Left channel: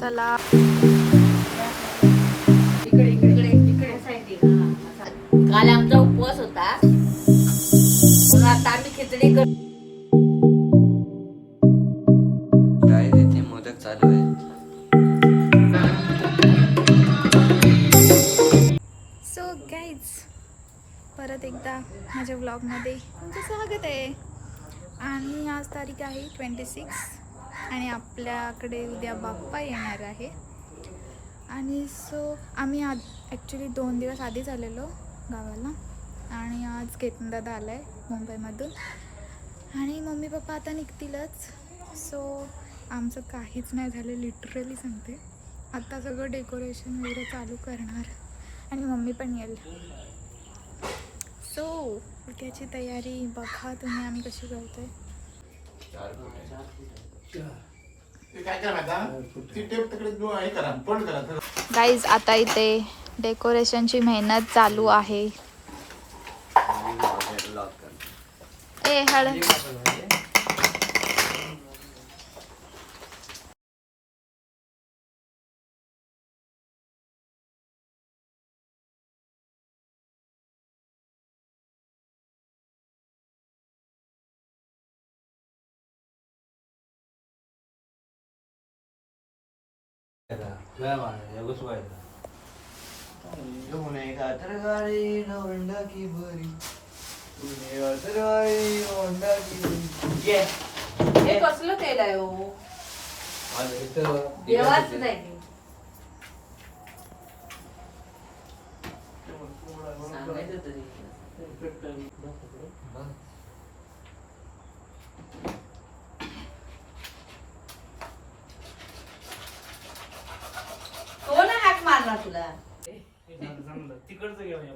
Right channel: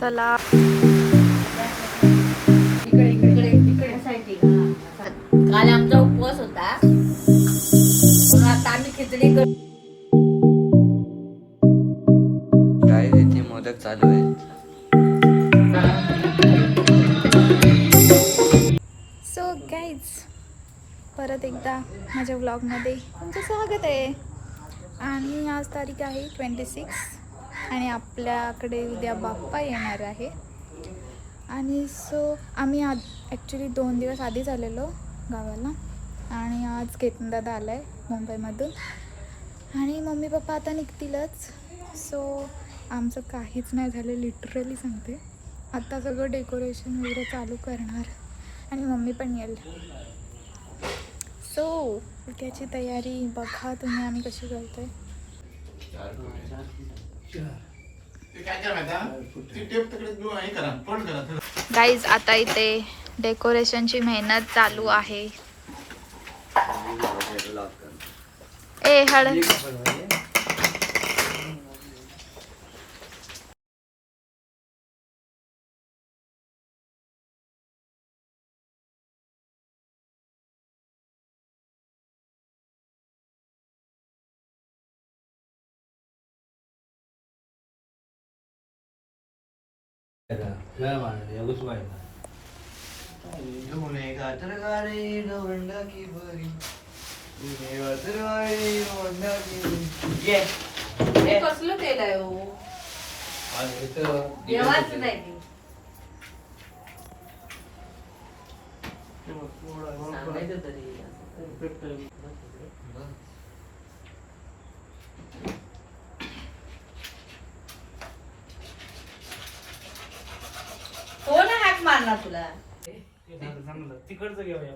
चला काल आमचा उपवास होता म्हणून आता आम्ही खिचडी करतो. गाईज इथे मोदक चालू आहेत. सो गाईज परत एकदा माझ्या व्लॉगमध्ये तुमचं स्वागत आहे. आणि आज तारीख आहे 26 आणि आपल्याकडे उद्या बाप्पा येणार आहे. आणि सो आम्ही ॲक्च्युली 2 दिवस आधीच आलेलो गावाला आणि आज केतन दादा आला आहे मुंबईमधून आणि मम्मी पप्पा आता निघतीलच. सो आमचं काहीच नाही झालं, लिटरली सांगते. आता सगळं डेकोरेशन वगैरे चालू करणार आणि मम्मी पण येईल. सो उद्याची तयारी बघा तुम्ही आम्ही कशी करतोय. गाईज आता इथे डेकोरेशनची मेहनत चालू आहे. ए हळद हे कसलं केलंय हो? देवाचं नाही ते. सांगायचं तरी. कोण हाक मारला तुला? तिकडचं घेऊया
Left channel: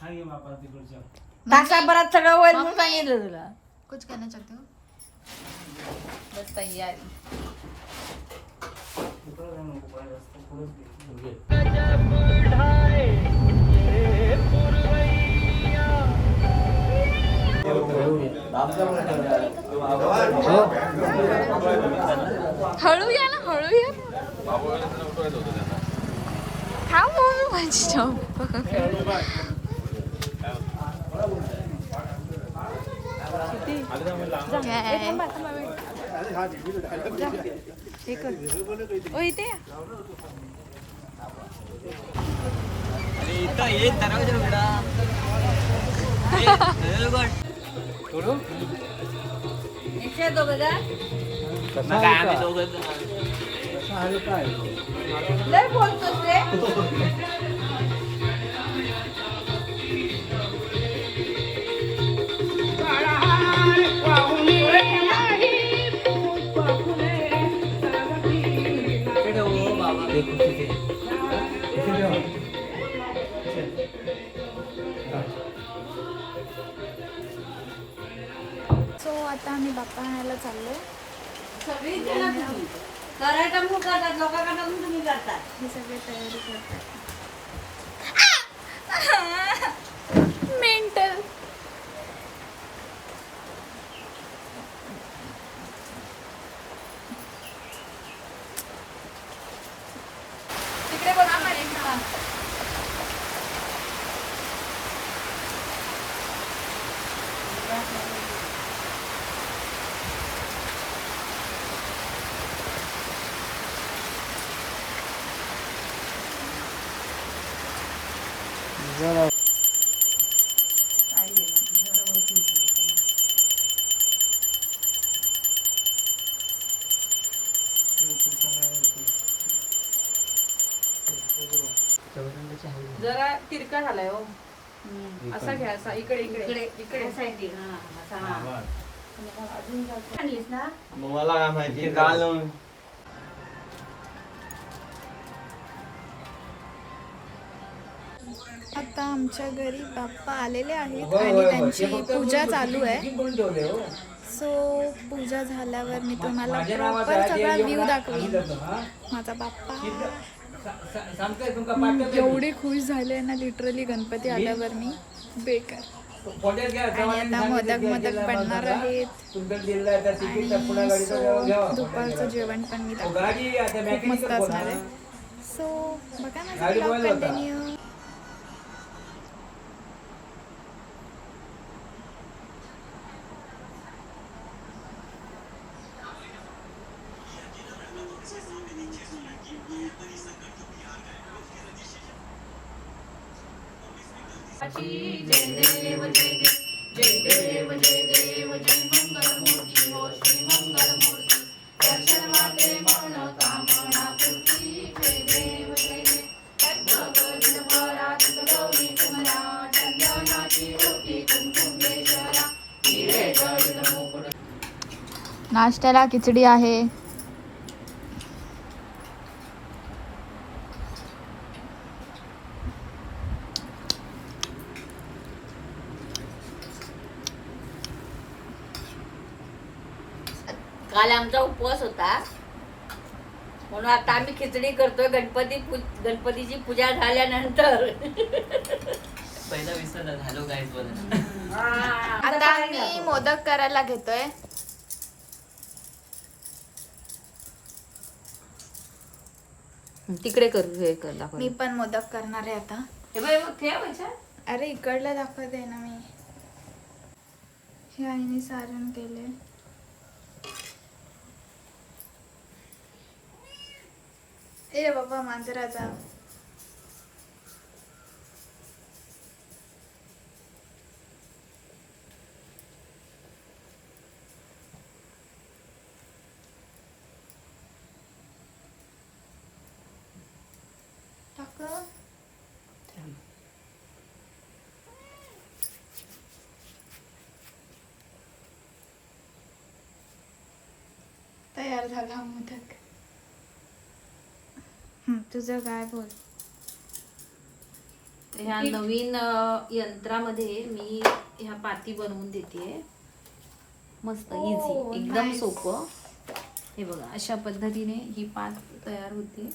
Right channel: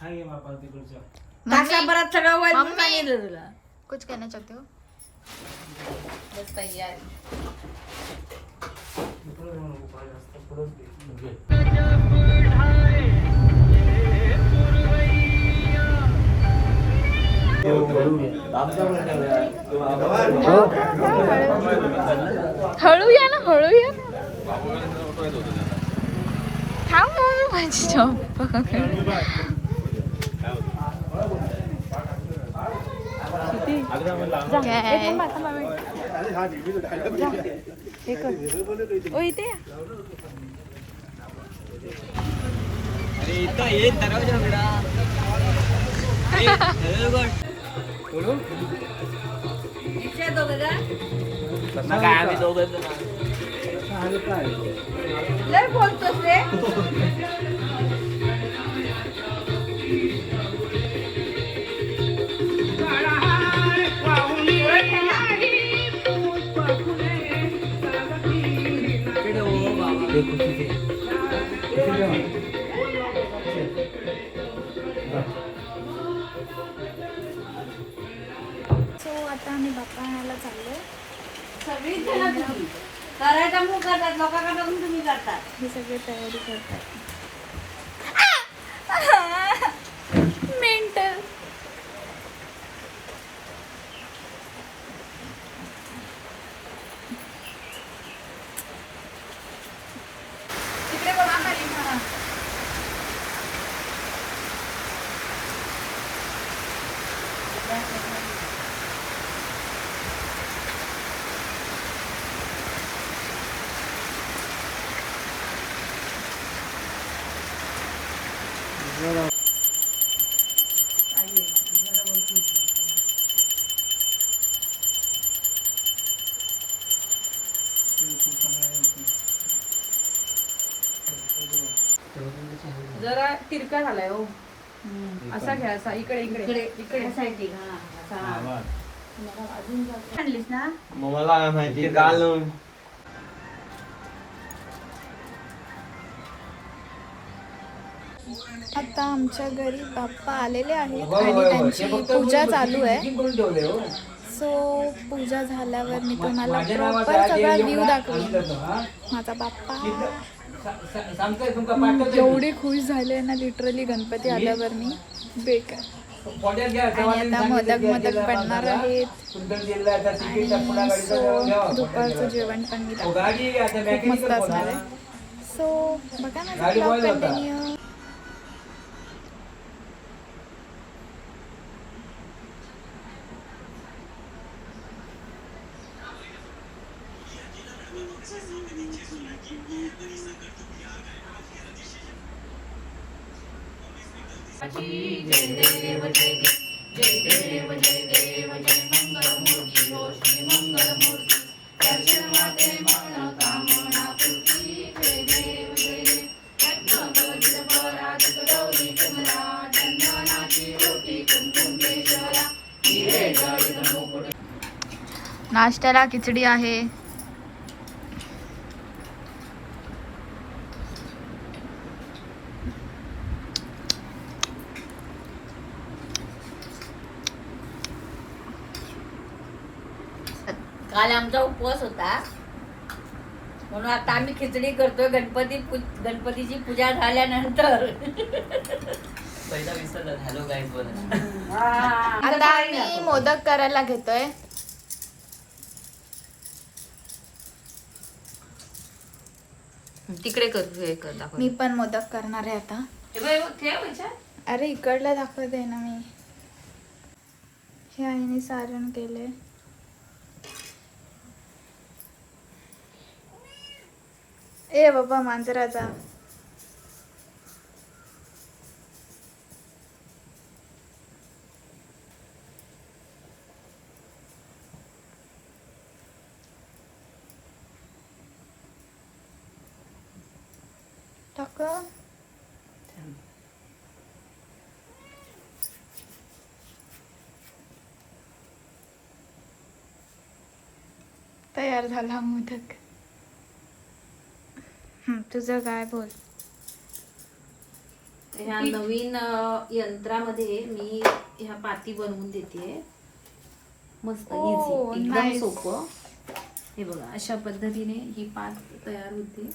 हा घे बापा तिकडच्या तासाभरात सगळं वय म्हणून सांगितलं तुला. कुछ कहना चाहते हो? बस तयारी. हळू या ना, हळू या. थांब मम्मी माझी चॉप. काय ओ इथे या. अरे इथं ये दरवाजा उघडा. इथे दोघं जा. काय आम्ही दोघं लय बोलतोस रे. सो आता आम्ही बाप्पा आणायला चाललोय. सगळी जण तुम्ही करायचा मूळ करतात, लोकांकडे तुम्ही करतात. ही सगळी तयारी करतात. मेंटल. तिकडे बघा खाली म्हणा. जरा तिरका झालाय हो. असा घ्या, असा इकडे इकडे इकडे साईड. अजून आणलीस ना मला माहिती घालून. आता आमच्या घरी बाप्पा आलेले आहेत आणि त्यांची पूजा चालू आहे. सो पूजा झाल्यावर मी तुम्हाला प्रॉपर सगळा व्ह्यू दाखवेन. माझा बाप्पा एवढे खुश झाले ना लिटरली गणपती आल्यावर मी बेकार. आणि आता मोदक बनणार आहेत आणि सो दुपारचं जेवण पण मी दाखवते. खूप मस्त असणार आहे. सो बघा माझा ब्लॉग कंटिन्यू. नाश्त्याला खिचडी आहे. काल आमचा उपवास होता म्हणून आता आम्ही खिचडी करतोय. गणपतीची पूजा झाल्यानंतर. पहिला विसरला. हॅलो गाईज बोला. आता आम्ही मोदक करायला घेतोय. तिकडे करू हे कर दाखव. मी पण मोदक करणार आहे आता. अरे इकडला दाखवते ना मी. हे आईने सारण केले. ए बाबा मांजराचा. टाक. तयार झाला मोदक. तुझं काय बोल. ह्या नवीन यंत्रामध्ये मी ह्या पाती बनवून देते. मस्त Oh, इझी एकदम nice. सोपं. हे बघा अशा पद्धतीने ही पात तयार होते.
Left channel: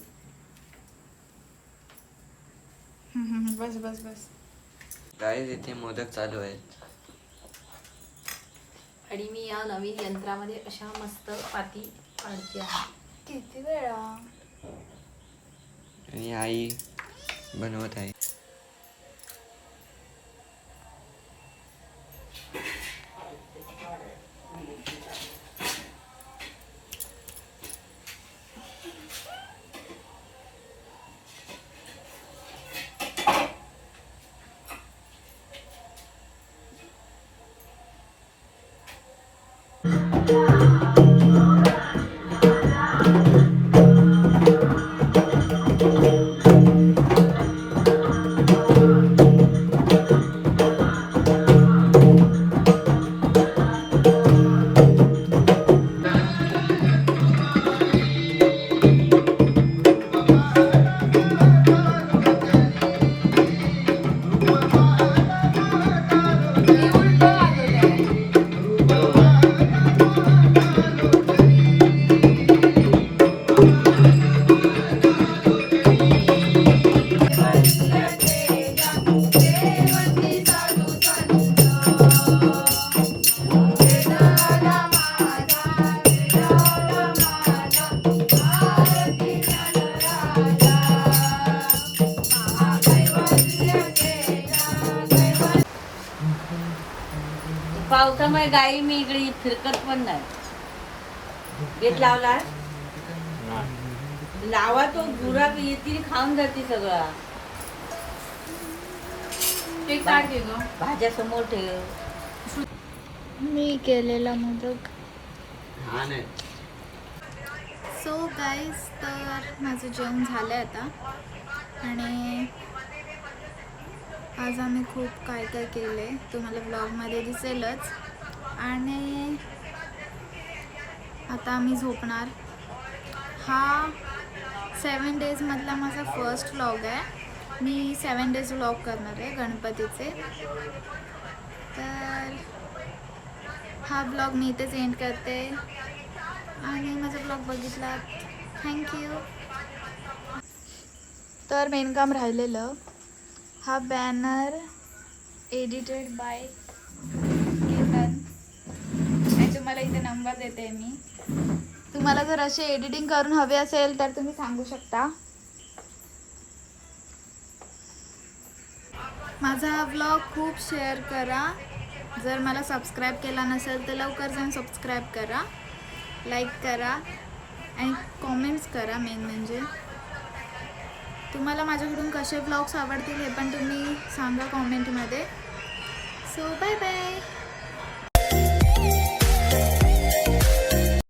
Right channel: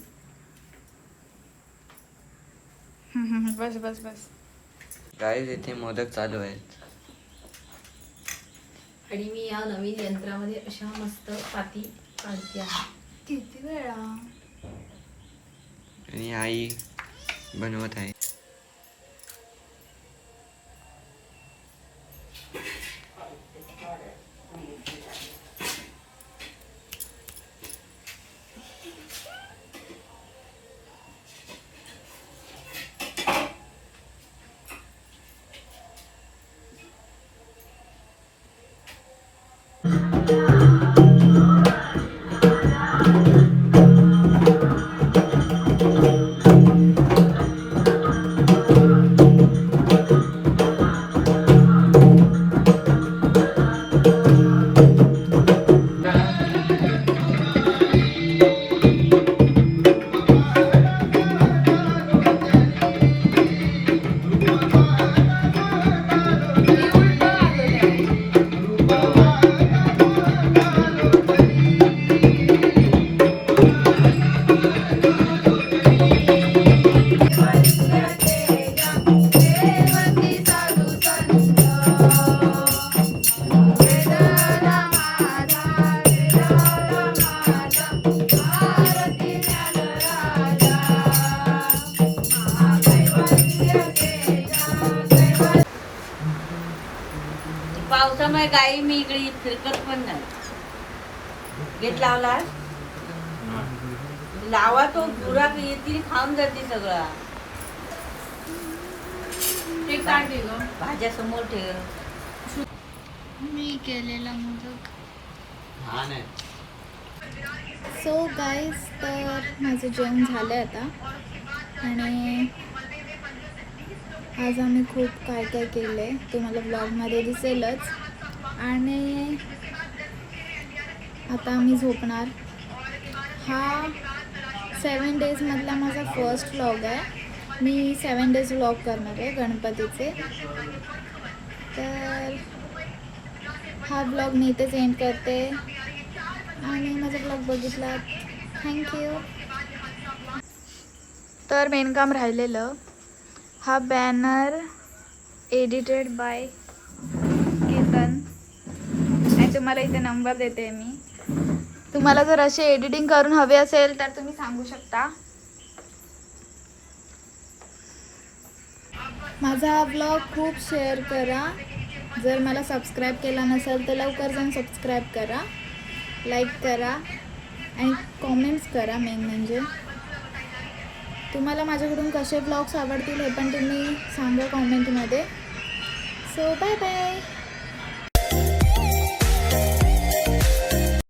बस बस बस. गाईज इथे मोदक चालू आहेत. आणि मी या नवीन यंत्रामध्ये अशा मस्त पाती काढते आहे. किती वेळा. आणि आई बनवत आहे. पावसामुळे गाई मी इकडे फिरकत पण नाही. गेट लावला लावा तो गुरा येतील खाऊन जाते सगळा. ते काढ ग भाज्या समोर ठेव. मी केलेला मोदक. सो गाईज तर माझं जेवण झालं आहे आता. आणि आज आम्ही खूप काय काय केलं आहे तुम्हाला ब्लॉगमध्ये दिसेलच. आणि आता आम्ही झोपणार. हा 7 डेजमधला माझा फर्स्ट व्लॉग आहे. मी 7 डेज व्लॉग करणार आहे गणपतीचे. तर हा ब्लॉग मी इथेच एंड करते. आणि माझा ब्लॉग बघितला थँक्यू. तर मेन काम राहिलेलं. हा बॅनर एडिटेड बाय तुम्हाला इथे नंबर देते मी. तुम्हाला जर असे एडिटिंग करून हवे असेल तर तुम्ही सांगू शकता. माझा हा व्लॉग खूप शेअर करा. जर मला सबस्क्राईब केला नसेल तर लवकर जाऊन सबस्क्राईब करा, लाईक करा आणि कॉमेंट्स करा. मेन म्हणजे तुम्हाला माझ्याकडून कसे व्लॉग्स आवडतील हे पण तुम्ही सांगा कॉमेंटमध्ये. So bye bye.